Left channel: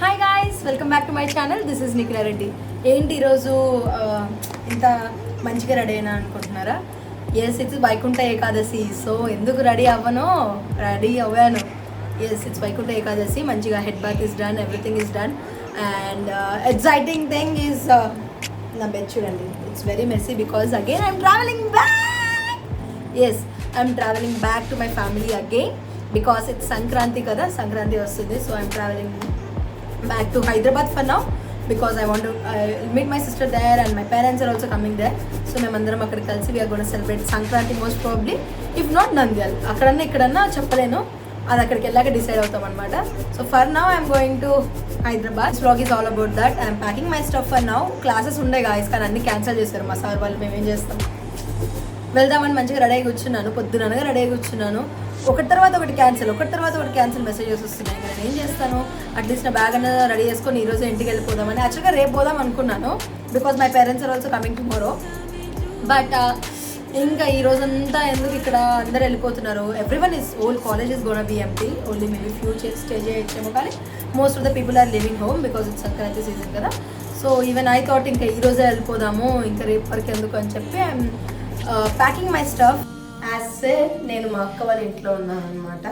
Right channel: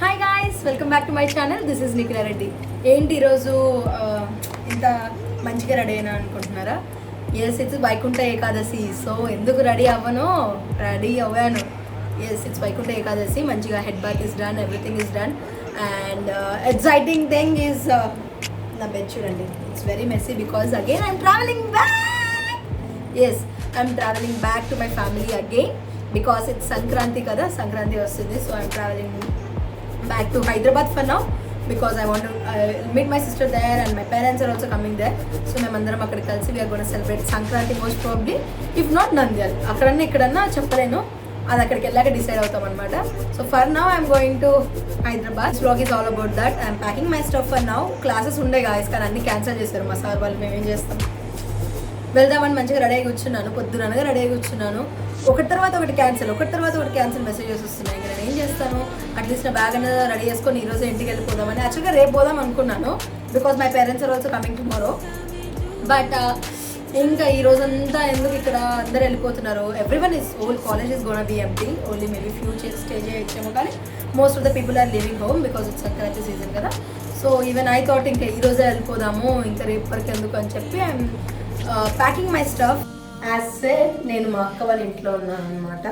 Hi guys, welcome back to my channel. This is Nikhila Reddy. ఏంటి ఈరోజు ఇంత మంచిగా రెడీ అయినా అనుకుంటున్నారా? Yes, it's Vaikuntha Ekadashi. So ఎందుకు రెడీ అవ్వను, రెడీ అవ్వాను. Yes, it's Vaikuntha Ekadashi. మంచిగా head bath is done, everything is done. And exciting thing is నా బెడ్ చూడండి. It's very messy because again I'm travelling back. Yes, I'm travelling back to my family again because it's Sankranti కదా, సంక్రాంతి వస్తుంది. So I'm travelling back to Hyderabad for now because I want to meet my sister there and my parents are also coming there. So మేమందరం అక్కడ కలిసి we are going to celebrate Sankranti most probably, if not Nandyal. అక్కడన్నా ఇక్కడన్నా చెప్పలేను, అది అక్కడికి వెళ్ళాక decide అవుతాం అనమాట. So for now I'm going to Hyderabad. This vlog is all about that. I'm packing my stuff for now. Classes ఉండే guys, కానీ అన్ని cancel చేశారు మా సార్ వాళ్ళు. మేము ఏం చేస్తాం, వెళ్దామని మంచిగా రెడీ అయ్యి కూర్చున్నాను, పొద్దుననగా రెడీ అయ్యి కూర్చున్నాను. ఒకటి తర్వాత ఒకటి క్యాన్సిల్ మెసేజెస్ వస్తున్నాయి. నేను ఏం చేస్తాను, అట్లీస్ట్ నా బ్యాగ్ అనేది రెడీ చేసుకొని ఈరోజు ఇంటికి వెళ్ళిపోదామని. యాక్చువల్గా రేపు పోదాం అనుకున్నాను because my parents are also coming tomorrow. But ఇంకా ఈ రోజంతా ఎందుకు, ఇక్కడ అందరు వెళ్ళిపోతున్నారు. Everyone is, whole college is gonna be empty. Only maybe few stay చేయొచ్చేమో, కానీ most of the people are living home because it's Sankranti season కదా. సో ఈవెన్ ఐ థాట్ ఇంకా ఈ రోజే వెళ్ళిపోదాము, ఇంకా రేపు వరకు ఎందుకు అని చెప్పి I'm packing my stuff. As said, నేను మా అక్క వాళ్ళ ఇంట్లో ఉన్నాను అనమాట.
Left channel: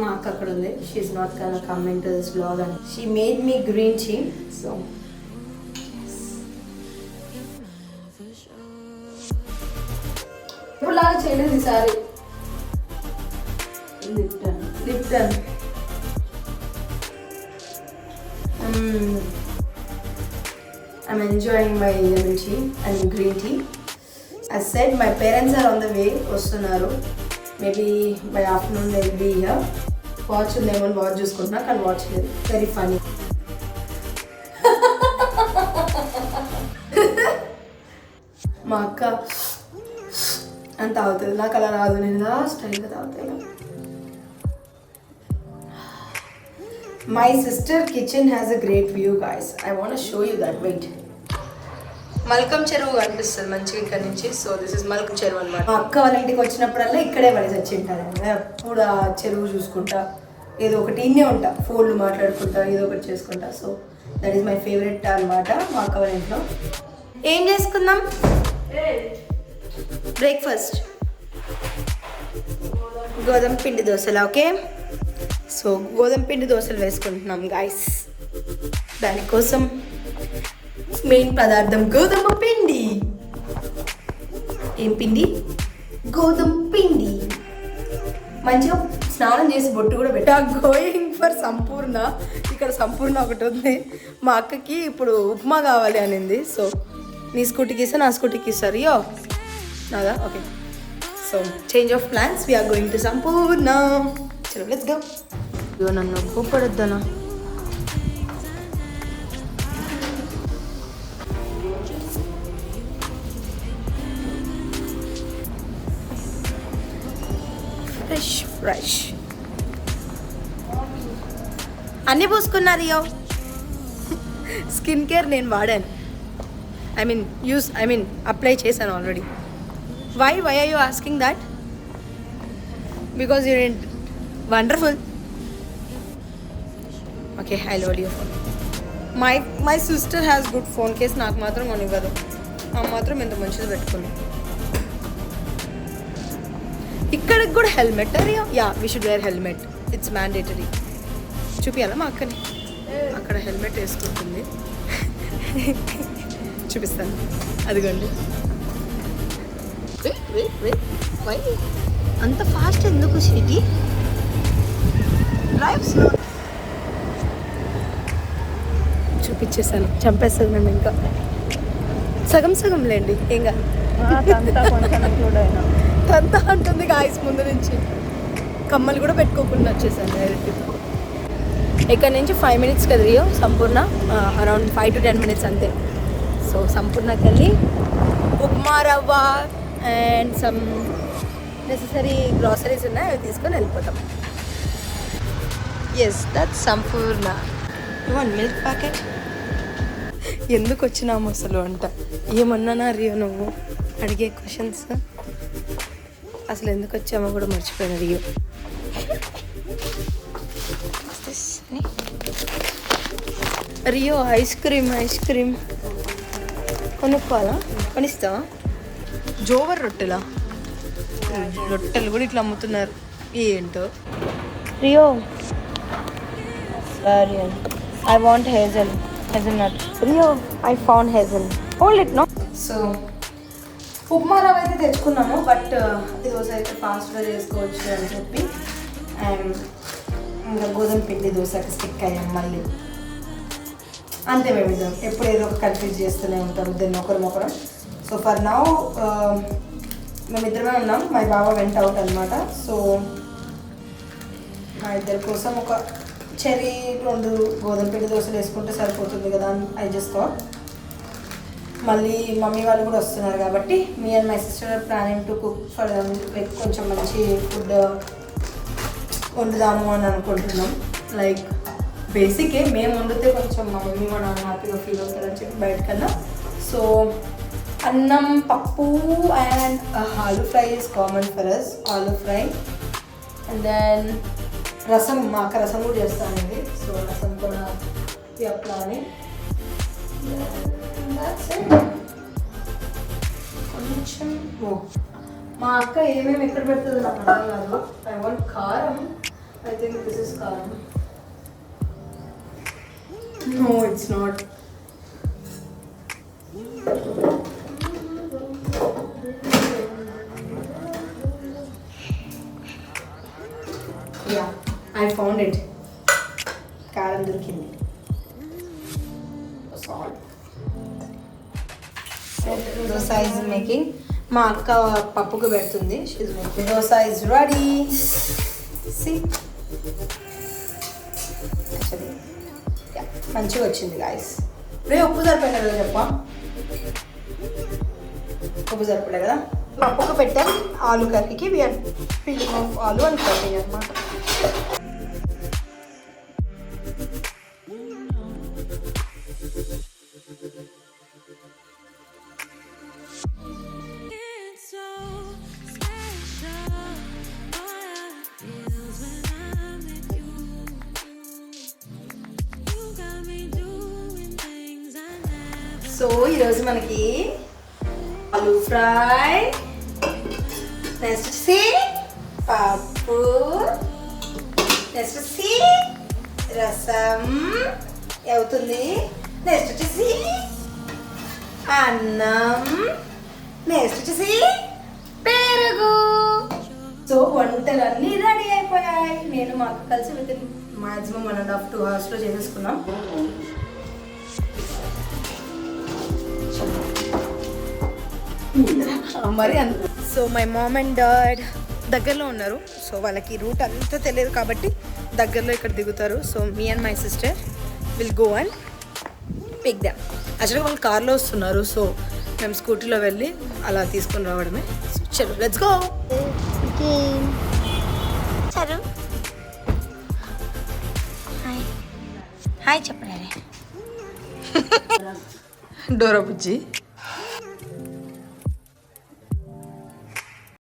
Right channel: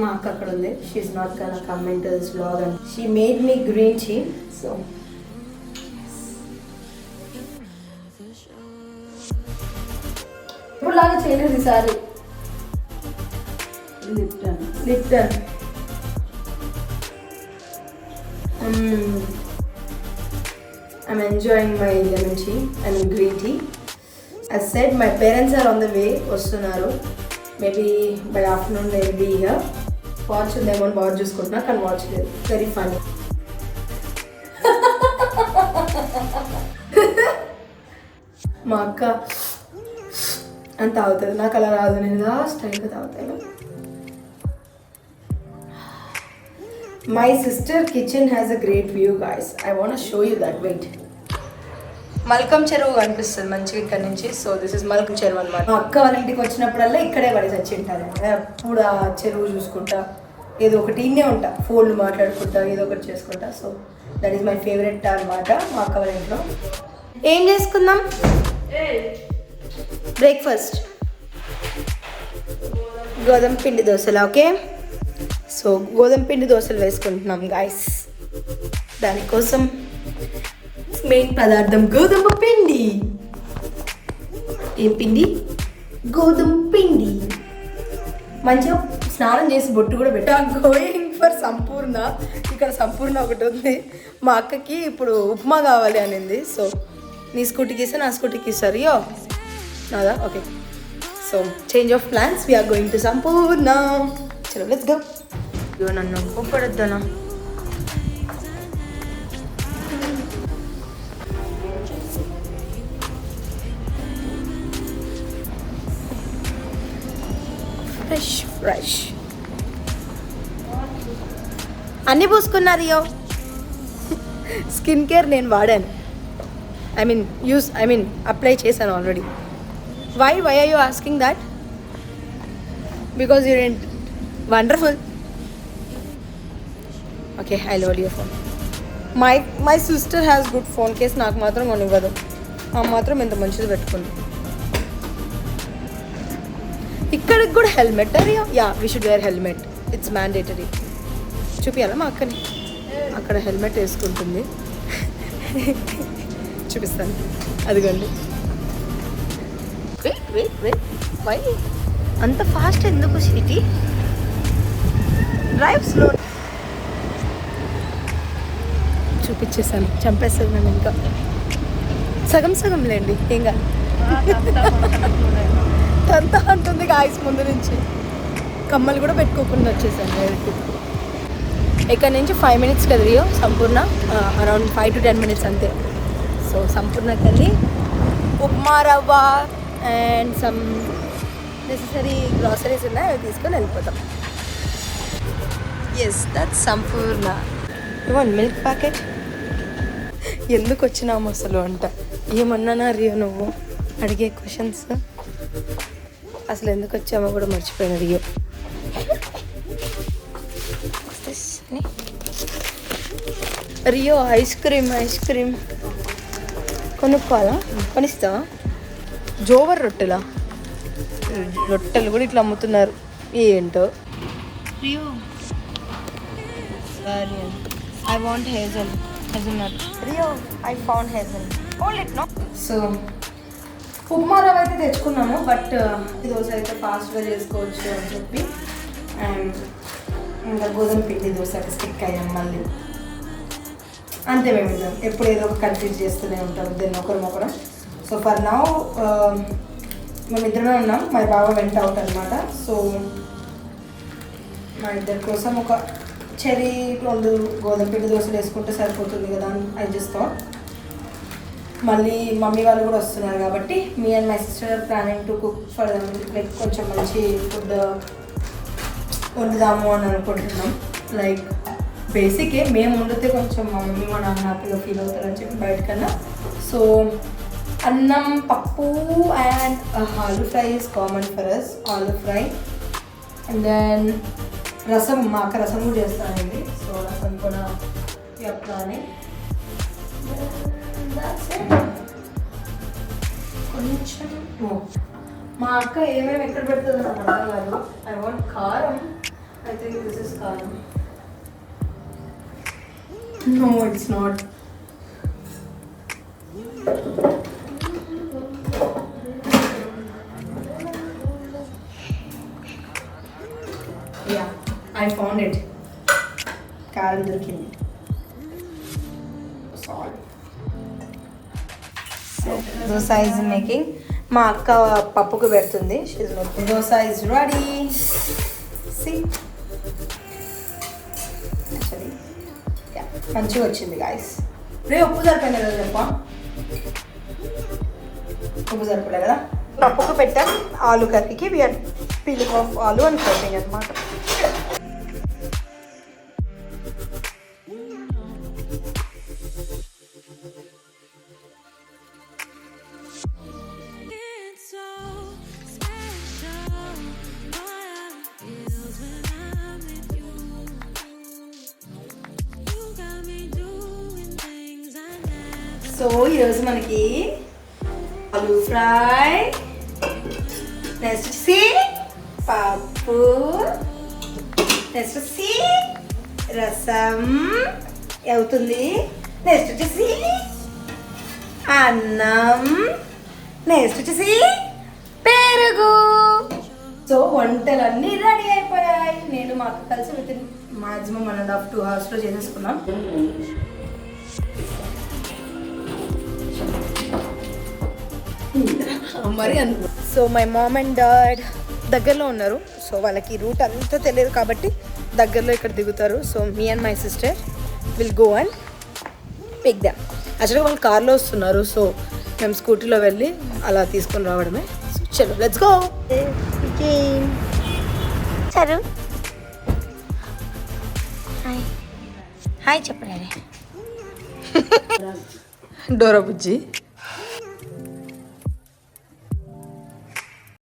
మా అక్క అక్కడ ఉంది. She's not gonna come into this vlog and she made me green tea. So ఇప్పుడు లాగా చేయలేదు ఈసారి. Lipton I'm enjoying my lemon tea and green tea. As said, my parents are on the way. వస్తున్నారు. Maybe by afternoon they will be here. Watch ఉందేమో watch చూసుకుంటున్నా, కానీ watch లేదు. Very funny. మా అక్క అంత తాగుతుంది, నాకు అలా రాదు. నేను ఇలా స్టైల్గా తాగుతాను. My sister kitchen has a great view, guys. I want to show you that. Wait. Malcolm చెరువు కనిపిస్తుంది మంచిగా ఇక్కడ నుంచి. సో దిస్ ఇస్ మల్కం చెరువు అనమాట. మా అక్క వాళ్ళ ఇంటికి వచ్చినప్పుడల్లా ఇక్కడే పడేసి వచ్చి ఉంటారండి. అప్పుడు ఆ చెరువు చూసుకుంటా, ఏదో ఒకటి ఇన్నే ఉంటా, ఫోన్లు మాట్లాడుకుంటా, ఏదో ఒకటి చేసుకుంటా. So that is my favourite అనమాట మా అక్క వాళ్ళ ఇంట్లో. ఏం చేసుకుందాం బ్రేక్ఫాస్ట్? గోధుమ పిండి దోశలు. ఓకే, సో గోధుమ పిండి దోశలు వేసుకుంటున్నాం గాయస్. దానికోసం మెయిన్ పదార్థం గోధుమ పిండి. ఏం పిండి? గోధుమ పిండి. మంచిగా స్నానం చేసి బొట్టు కూడా పెట్టా. గోయింగ్ ఫర్ సంపూర్ణ. ఇక్కడ సంపూర్ణ ఒకటి ఉంది. మా అక్కకి ఇప్పుడు ఉప్మా కావాలి అనింది. సో నీ స్కూటీకి ఇస్తే నా స్కూటీకి ఇస్తారు. యో నాదా? Okay, so change of plans. We are going to Sampoorna. చలో లెట్స్ గో. అయ్యో నన్ను ఒప్పుపడొద్దనా. ఫ్రెష్ అన్నీ పూసుకున్నారు. స్కిన్ కేర్ నేను వాడాను. ఐ మీన్ అప్లై చేశాను already. Why are you asking that? Because you wonderful. Okay, I load your phone. My sister has good phone case. నాకు మాత్రం కొనివ్వదు. ఆ మాత్రం ఎంత మంచిది పెట్టుకుంది. ఇక్కడికి కూడా helmet. Yeah, we should wear helmet. It's mandatory. చూపించాలా మా అక్కని? అక్కడ హెల్మెట్ వేసుకుంటుంది. చూపిస్తాను, అదిగోండి. వై అంత ఫాస్ట్ ఎందుకు స్వీటీ? Drive slow. చూపించేసాను, చంపేస్తుంది నన్ను. ఇంకా సగం లేండి, ఏం కాదు. అంతా అంటుంది గాయస్. ముందు నుంచి కమ్మలు కూడా పెట్టుకోకుండా వచ్చేసాను డైరెక్ట్. ఇక్కడ నుంచి 5 minutes కదా Rio Sampoorna. Around 5 to 10 minutes అంతే. సో సంపూర్ణకి వెళ్ళి ఉప్మా రవ్వ అండ్ సమ్ నెసెసరీ గ్రాసరీస్ ఉన్నాయి, అవి తీసుకొని వెళ్ళిపోతాం. Yes, that's Sampoorna. Milk packet. ఎందుకు వచ్చినాము అసలు అంట. ఏమన్నానా రియో నువ్వు అడిగే క్వశ్చన్స్? అసలు ఎందుకు వచ్చామో కూడా మర్చిపోయిన రియో. రియో ఐస్ క్రీమ్ కొనుక్కోవాలా? కొనిస్తావా? జోవర్ రొట్టెలు కూడా ఇట్లా అమ్ముతున్నారు. ఏంటో Rio I want hazelnut. Rio I found hazel. Hold it no. So upma rava అయితే తెచ్చుకున్నాము, బట్ ఈరోజు అయితే ఫాస్ట్గా చేసుకోవచ్చు అని చెప్పి అండ్ ఇంకా గోధుమ పిండి దోశకి స్టిక్ అయ్యాం మళ్ళీ. అంతే మేము ఇద్దాం ఎప్పుడు ఏదో ఒక కన్ఫ్యూజ్ చేస్తూనే ఉంటాం దాన్ని ఒకరం. సో ఫర్ నౌ మేమిద్దరమే ఉన్నాం. మా బావ వెంట అవుట్ అనమాట. సో మా ఇద్దరి కోసం ఒక చెరీ 2 గోధుమ పిండి దోశలు వేసుకుంటే సరిపోతుంది కదా అని అడ్జస్ట్ థాట్. మళ్ళీ మమ్మీ వాళ్ళు కూడా వస్తున్నారు కాబట్టి మీ and my sister planning to cook for them, like కొంచెం మంచి ఫుడ్ వండుదాము అని అనుకుంటున్నాం. లైక్ బేసికే మేము వండితే కొంచెం మా మమ్మీ మా నాన్న హ్యాపీగా ఫీల్ అవుతారని చెప్పి బయటకన్నా. So annam, pappu and aloo fry is common for us. Aloo fry and then rasam, మా అక్క రసం కూడా చేస్తానండి. సో రసం కూడా ప్లానింగ్. కొంచెం మా అక్క ఏమేమి ఎక్కడ పెడుతుంది నాకు అర్థం కాదు. I want karam. I think this is karam. No it's not. Yeah I found it. కారం దొరికింది. Dosa is making. మా అక్క పప్పుకు పెడుతుంది. She's making. Dosa is ready. See మంచిగా వచ్చింది గాయస్. రే ఉప్పు సరిపోయింది కదా చెప్పా? ఉప్పు సరిపోలే కదా. పప్పుకు పెట్టాం. ఆలు కర్రీకి వీఆర్ పీలింగ్ ఆఫ్ ఆలు అని కటింగ్ అనమాట. సో ఈరోజు మనకి ఆలూ ఫ్రై, నెక్స్ట్ వచ్చి పప్పు, నెక్స్ట్ వచ్చి రసం అవుతుంది, నెక్స్ట్ వచ్చేసి అన్నం, నెక్స్ట్ వచ్చేసి పెరుగు. సో వంటలన్నీ రెడీ అయిపోయాయి. నేను మా అక్క కలిసి విత్ మాక్సిమం 1.5 to 2 hours చేసేసుకున్నాం. మరి so my mom and dad దగ్గరలో ఉన్నారు. సో వాళ్ళకి రూట్ అంతా తెలియదు కాబట్టి దగ్గరలో ఇక్కడ దిగుతారు. So me and my sister will go and pick them. యాక్చువల్గా వాళ్ళు కార్లో వస్తున్నారు. సో మేము స్కూటీలో వెళ్ళి అలా తీసుకొని రావడమే. చలో లెట్స్ గో. సరే హాయ్ హాయ్ చెప్పండి. డోరా బుజ్జి